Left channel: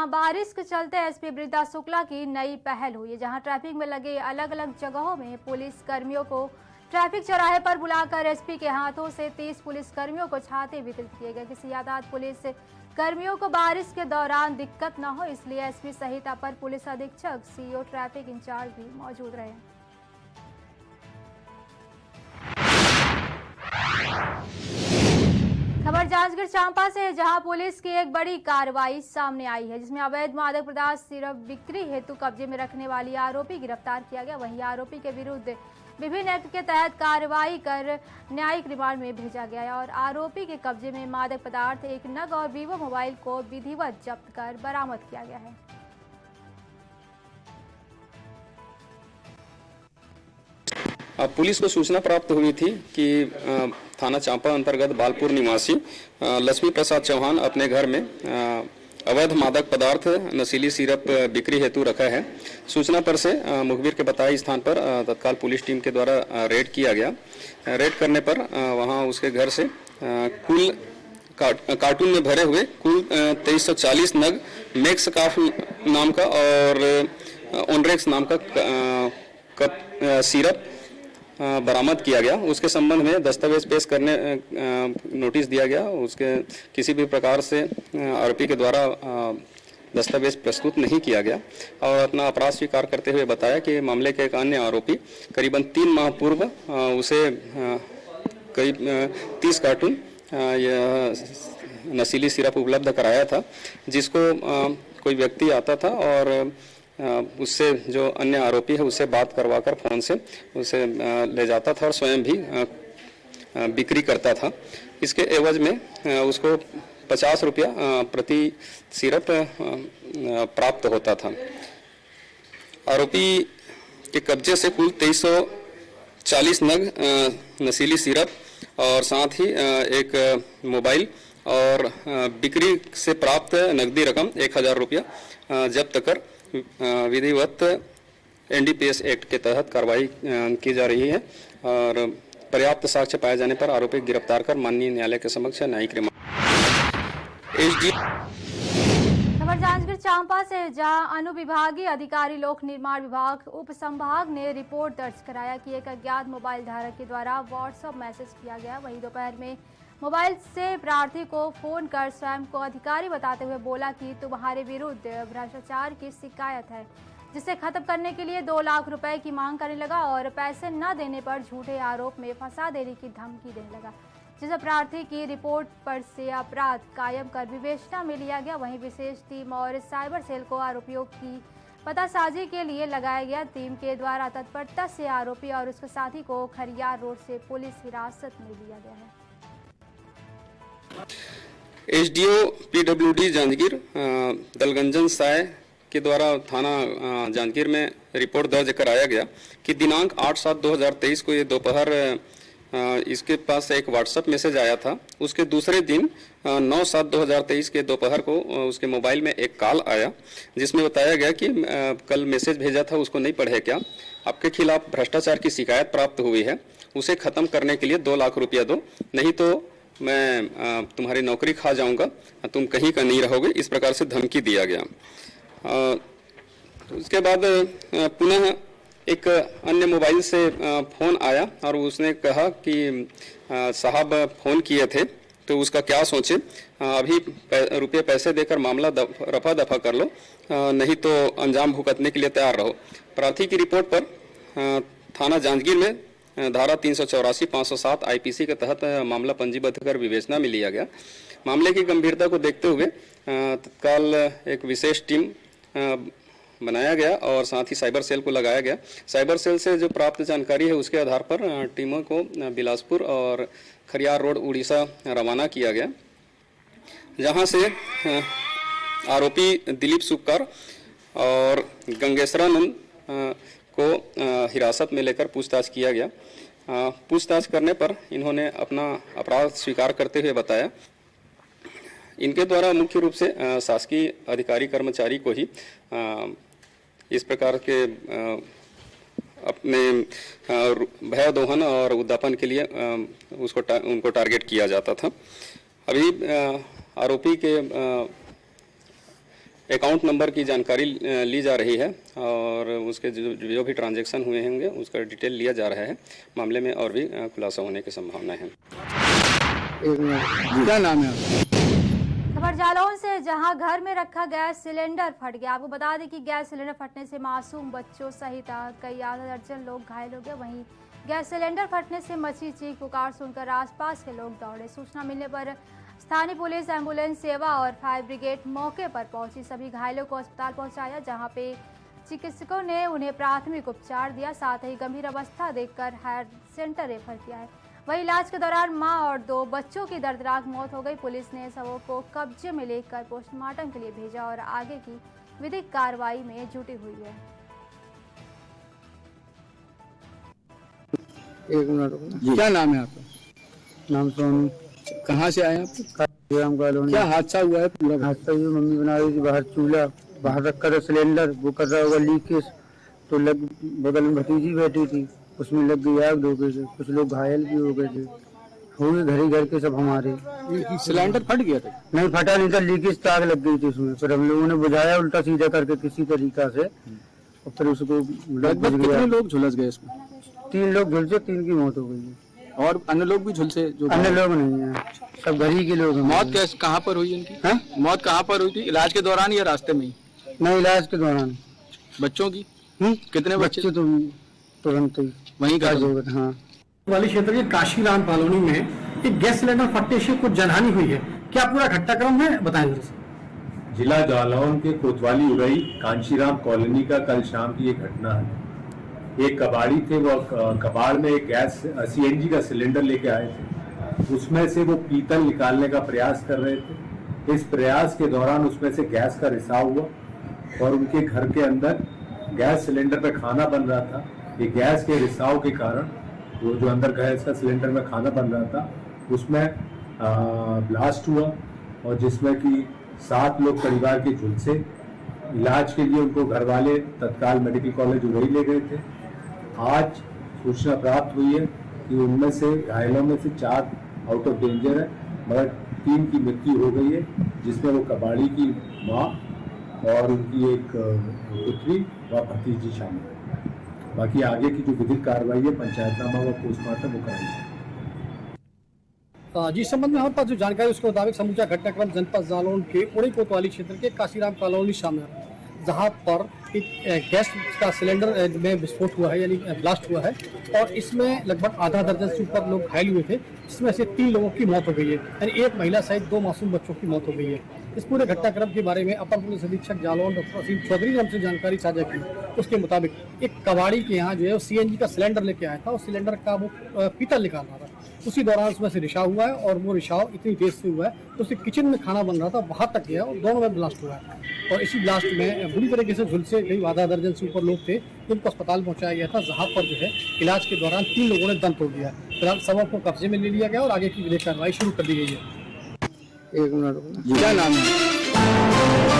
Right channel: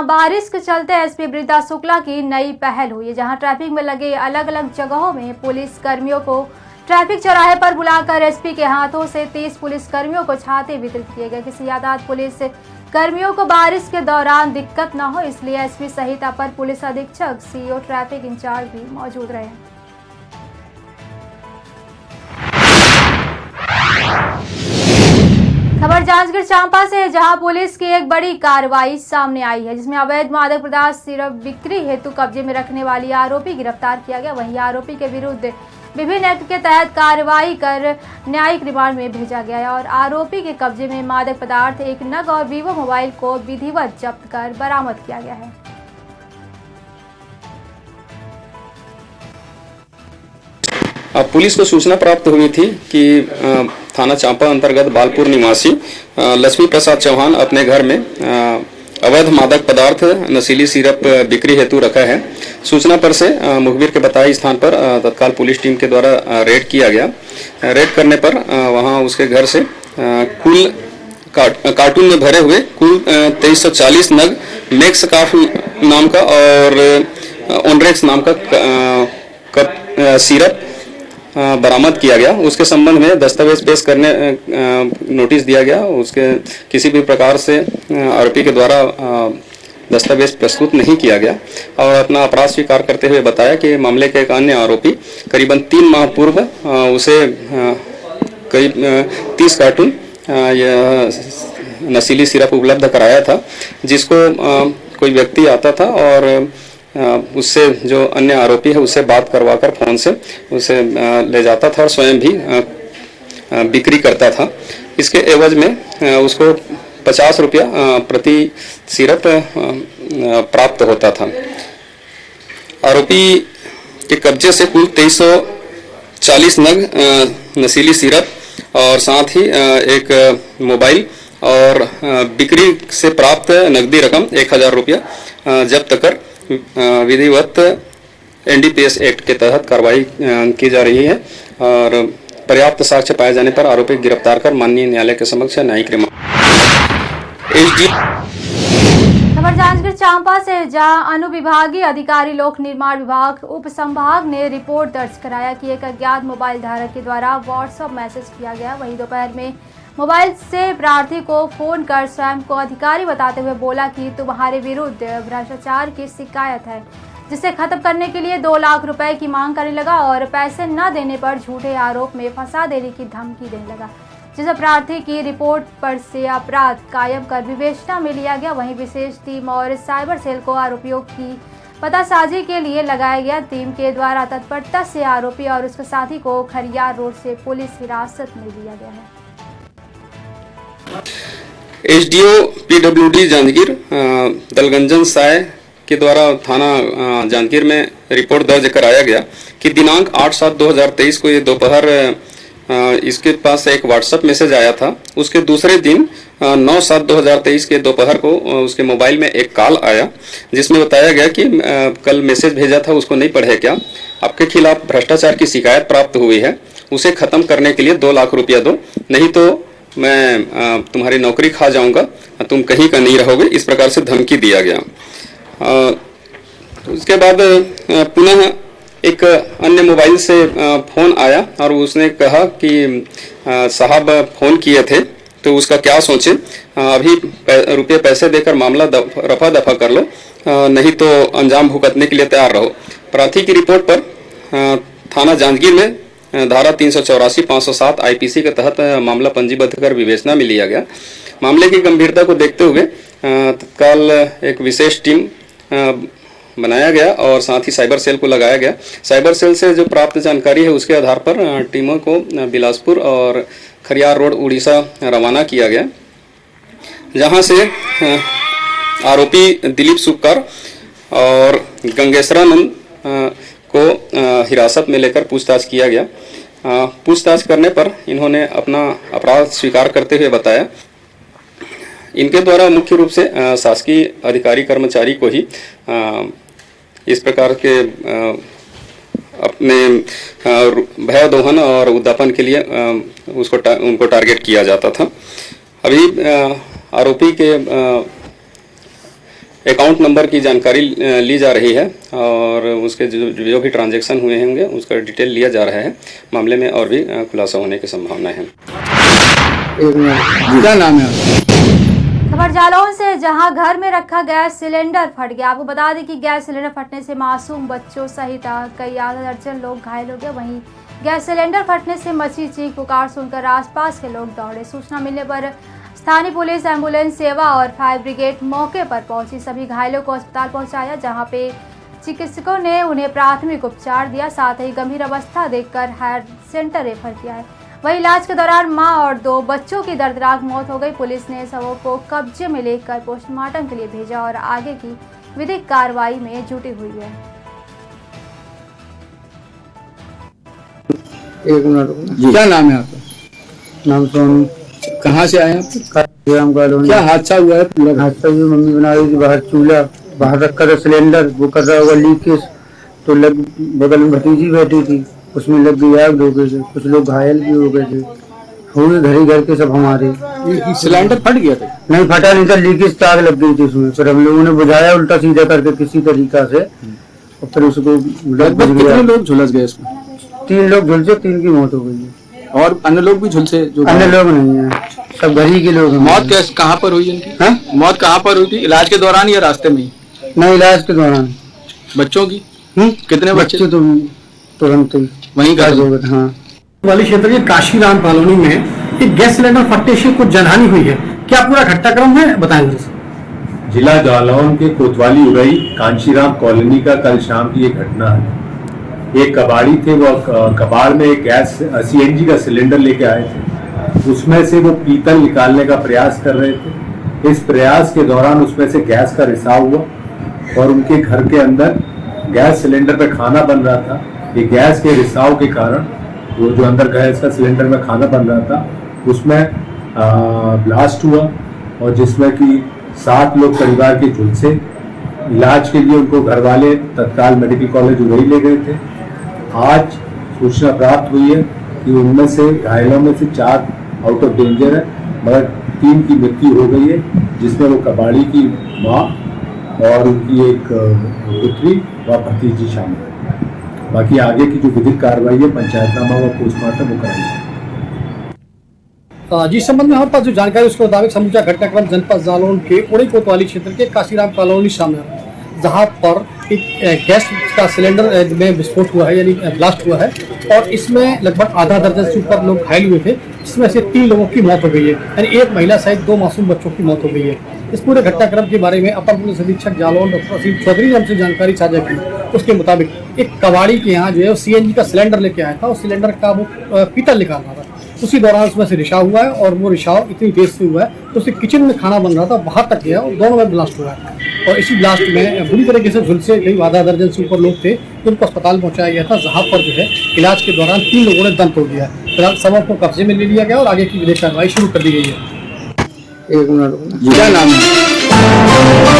जहां बारिश के चलते एसपी वृंदा शुक्ला की नई पहल हुई है, जहां ट्रैफिक में लगे अलग अलग जगहों में पुलिस कर्मियों को ट्रैफिक चौराहे पर बुलाकर एसपी के हाथों से 30 पुलिस कर्मियों को छाते वितरित किए गए। किसी यातायात पुलिस कर्मियों को बारिश के दौरान दिक्कत न हो, इसलिए एसपी सहित अपर पुलिस अधीक्षक, सीओ, ट्रैफिक इंचार्ज भी मौजूद रहे। खबर जांजगीर चांपा से, जहां पुलिस की एक बड़ी कार्रवाई सामने आई है, जिसमें अवैध मादक पदार्थ सिर्फ बिक्री हेतु कब्जे में रखने वाली आरोपी गिरफ्तार किया गया। वहीं आरोपी के विरुद्ध विभिन्न एक्ट के तहत कार्रवाई कर न्यायिक रिमांड में भेजा गया है और आरोपी के कब्जे में मादक पदार्थ, एक नग और वीवो मोबाइल को विधिवत जब्त कर बरामद किया गया है। पुलिस को सूचना प्राप्त हुई थी कि थाना चांपा अंतर्गत बालपुर निवासी लक्ष्मी प्रसाद चौहान अपने घर में अवैध मादक पदार्थ नशीली सिरप बिक्री हेतु रखा है। सूचना पर से मुखबिर के बताए स्थान पर तत्काल पुलिस टीम के द्वारा रेड किया गया। रेड करने पर वहां उसके घर से कुल कार्टून में भरे हुए कुल 2340 नग मैक्स काफ नाम का और ऑनरेक्स नाम का सिरप बरामद किया गया। उसके संबंध में दस्तावेज पेश करने नोटिस दिया गया। उसके किसी भी प्रकार से आरोपी के द्वारा दस्तावेज प्रस्तुत नहीं किया गया और अपना अपराध स्वीकार करते हुए बताया कि मामले के एक अन्य आरोपी करीबन 3 माह पूर्व उसे करीब 30 कार्टून नशीली सिरप उपलब्ध कराया था, जिसको कोई व्यक्ति आता था और उससे जो अन्य आरोपी है उससे बात करवाकर फोन से उसे ले जाता था और स्वयं भी बिक्री करता था। इसके एवज में उसको 50 रुपया प्रति सिरप प्राप्त होता था। आरोपी के कब्जे से कुल 2340 नग नशीली सिरप और साथ ही एक मोबाइल और बिक्री से प्राप्त नकदी रकम 1000 रुपया जब्त कर विधिवत एनडीपीएस एक्ट के तहत कार्रवाई की जा रही है और पर्याप्त साक्ष्य पाए जाने पर आरोपी गिरफ्तार कर माननीय न्यायालय के समक्ष न्यायिक रिमांड। खबर जांजगीर चांपा से, जहां अनुविभागीय अधिकारी लोक निर्माण विभाग उप संभाग ने रिपोर्ट दर्ज कराया कि एक अज्ञात मोबाइल धारक के द्वारा व्हाट्सएप मैसेज किया गया। वहीं दोपहर में मोबाइल से प्रार्थी को फोन कर स्वयं को अधिकारी बताते हुए बोला कि तुम्हारे विरुद्ध भ्रष्टाचार की शिकायत है, जिसे खत्म करने के लिए 2 लाख रुपए की मांग करने लगा और पैसे न देने पर झूठे आरोप में फंसा देने की धमकी देने लगा, जिसे प्रार्थी की रिपोर्ट पर से अपराध कायम कर विवेचना में लिया गया। वहीं विशेष टीम और साइबर सेल को आरोपियों की पतासाजी के लिए लगाया गया। टीम के द्वारा तत्परता से आरोपी और उसके साथी को खरियार रोड से पुलिस हिरासत में लिया गया है। एसडीओ पीडब्ल्यूडी जांजगीर दलगंजन साय के द्वारा थाना जांजगीर में रिपोर्ट दर्ज कराया गया कि दिनांक 8/7/2023 को ये दोपहर इसके पास एक व्हाट्सएप मैसेज आया था। उसके दूसरे दिन 9/7/2023 के दोपहर को उसके मोबाइल में एक कॉल आया, जिसमें बताया गया कि कल मैसेज भेजा था उसको नहीं पढ़े क्या, आपके खिलाफ भ्रष्टाचार की शिकायत प्राप्त हुई है, उसे खत्म करने के लिए 2 लाख रुपया दो, नहीं तो मैं तुम्हारी नौकरी खा जाऊंगा, तुम कहीं का नहीं रहोगे। इस प्रकार से धमकी दिया गया। उसके बाद पुनः एक अन्य मोबाइल से फोन आया और उसने कहा कि साहब फोन किए थे तो उसका क्या सोचे, अभी रुपये पैसे देकर मामला रफा दफा कर लो, नहीं तो अंजाम भुगतने के लिए तैयार रहो। प्रार्थी की रिपोर्ट पर थाना जांजगीर में धारा 384, 507 आईपीसी के तहत मामला पंजीबद्ध कर विवेचना में लिया गया। मामले की गंभीरता को देखते हुए तत्काल एक विशेष टीम बनाया गया और साथ ही साइबर सेल को लगाया गया। साइबर सेल से जो प्राप्त जानकारी है उसके आधार पर टीमों को बिलासपुर और खरियार रोड उड़ीसा रवाना किया गया, जहां से आरोपी दिलीप सुक्कर और गंगेश्वरानंद को हिरासत में लेकर पूछताछ किया गया। पूछताछ करने पर इन्होंने अपना अपराध स्वीकार करते हुए बताया। इनके द्वारा मुख्य रूप से शासकीय अधिकारी कर्मचारी को ही इस प्रकार के अपने भय दोहन और उद्यापन के लिए उनको टारगेट किया जाता था। अभी आरोपी के अकाउंट नंबर की जानकारी ली जा रही है और उसके जो भी ट्रांजैक्शन हुए होंगे उसका डिटेल लिया जा रहा है। मामले में और भी खुलासा होने की संभावना है। क्या नाम है? खबर जालौन से, जहां घर में रखा गैस सिलेंडर फट गया। आपको बता दें कि गैस सिलेंडर फटने से मासूम बच्चों सहित कई आधा दर्जन लोग घायल हो गए। वहीं गैस सिलेंडर फटने से मची चीख पुकार सुनकर आसपास के लोग दौड़े। सूचना मिलने पर स्थानीय पुलिस, एम्बुलेंस सेवा और फायर ब्रिगेड मौके पर पहुंची। सभी घायलों को अस्पताल पहुंचाया, जहां पे चिकित्सकों ने उन्हें प्राथमिक उपचार दिया। साथ ही गंभीर अवस्था देखकर हायर सेंटर रेफर किया है। वहीं इलाज के दौरान मां और 2 बच्चों की दर्दनाक मौत हो गई। पुलिस ने शवों को कब्जे में लेकर पोस्टमार्टम के लिए भेजा और आगे की विधिक कार्रवाई में जुटी हुई है। एक मिनट, क्या नाम है आपका? नाम सोनू। कहाँ से आए हैं? क्या हादसा हुआ है पूरा? हादसा भी मम्मी बना रही थी बाहर, चूल्हा बाहर रखा था, सिलेंडर वो कर रहा होगा लीकेज, तो लग बगल में भतीजी बैठी थी, उसमें लग गई आग, हो गए थे, कुछ लोग घायल भी हो गए थे। हुए घर के सब हमारे। सिलेंडर फट गया था? नहीं फटा नहीं था, लीकेज तार लग गई थी उसमें। फिर हम लोगों ने बुझाया उल्टा सीधा करके किसी तरीका से, और फिर उसको लगभग कितने लोग झुलस गए इसमें? 3 लोग झुलसे, 3 की मौत हो गई है। और अन्य लोग भी झुलसे? जो अन्य लोग नहीं है, सब घर ही के लोग हैं। मौत कहाँ पर हुई इनकी? हाँ? मौत कहाँ पर हुई थी? इलाज के दौरान या रास्ते में? नहीं, इलाज के दौरान। बच्चों की? कितने बच्चे? तो तुरंत वहीं घायल हो गए? हाँ। वाली क्षेत्र के काशीराम कॉलोनी में एक गैस सिलेंडर फटने से कुछ जनहानि हुई है। क्या पूरा घटनाक्रम है, बताएंगे? जिला जालौन के कोतवाली उरई कांशीराम कॉलोनी का कल शाम की एक घटना है। एक कबाड़ी थे, वो कबाड़ में एक गैस सीएनजी का सिलेंडर लेके आए थे। उसमें से वो पीतल निकालने का प्रयास कर रहे थे। इस प्रयास के दौरान उसमें से गैस का रिसाव हुआ और उनके घर के अंदर गैस सिलेंडर पे खाना बन रहा था। ये गैस के रिसाव के कारण वो जो अंदर गैस का सिलेंडर में खाना बन रहा था उसमें ब्लास्ट हुआ, और जिसमें कि 7 लोग परिवार के झुलसे। इलाज के लिए उनको घर वाले तत्काल मेडिकल कॉलेज उरई ले गए थे। आज सूचना प्राप्त हुई है कि उनमें से घायलों में से 4 आउट ऑफ डेंजर है, मगर 3 की मृत्यु हो गई है, जिसमें वो कबाड़ी की माँ और उनकी एक पुत्री व भतीजी शामिल है। बाकी आगे की जो विधिक कार्रवाई है, पंचायतनामा व पोस्टमार्टम वो कराई है। जिस संबंध में हमारे पास जो जानकारी उसके मुताबिक समूचा घटनाक्रम जनपद जालौन के उड़ई कोतवाली क्षेत्र के काशीराम कॉलोनी सामने आया, जहां पर एक गैस का सिलेंडर में विस्फोट हुआ है, यानी ब्लास्ट हुआ है, और इसमें लगभग आधा दर्जन से ऊपर लोग घायल हुए थे, जिसमें से 3 लोगों की मौत हो गई है, यानी एक महिला सहित 2 मासूम बच्चों की मौत हो गई है। इस पूरे घटनाक्रम के बारे में अपर पुलिस अधीक्षक जालौन डॉक्टर असीम चौधरी ने हमसे जानकारी साझा की। उसके मुताबिक एक कबाड़ी के यहाँ जो है सीएनजी का सिलेंडर लेके आया था, और सिलेंडर का वो पीतल निकाल रहा था। उसी दौरान उसमें से रिसाव हुआ है, और वो रिसाव इतनी तेज से हुआ है तो उसके किचन में खाना बन रहा था, बाहर तक गया और दोनों में ब्लास्ट हुआ है। और इसी ब्लास्ट में बुरी तरीके से झुलसे करीब आधा दर्जन से ऊपर लोग थे, जिनको अस्पताल पहुंचाया गया था, जहां पर जो है इलाज के दौरान 3 लोगों ने दम तोड़ दिया है। फिलहाल सबों को कब्जे में ले लिया गया और आगे की विधिक कार्रवाई शुरू कर दी गई है। एक मिनट, क्या नाम है?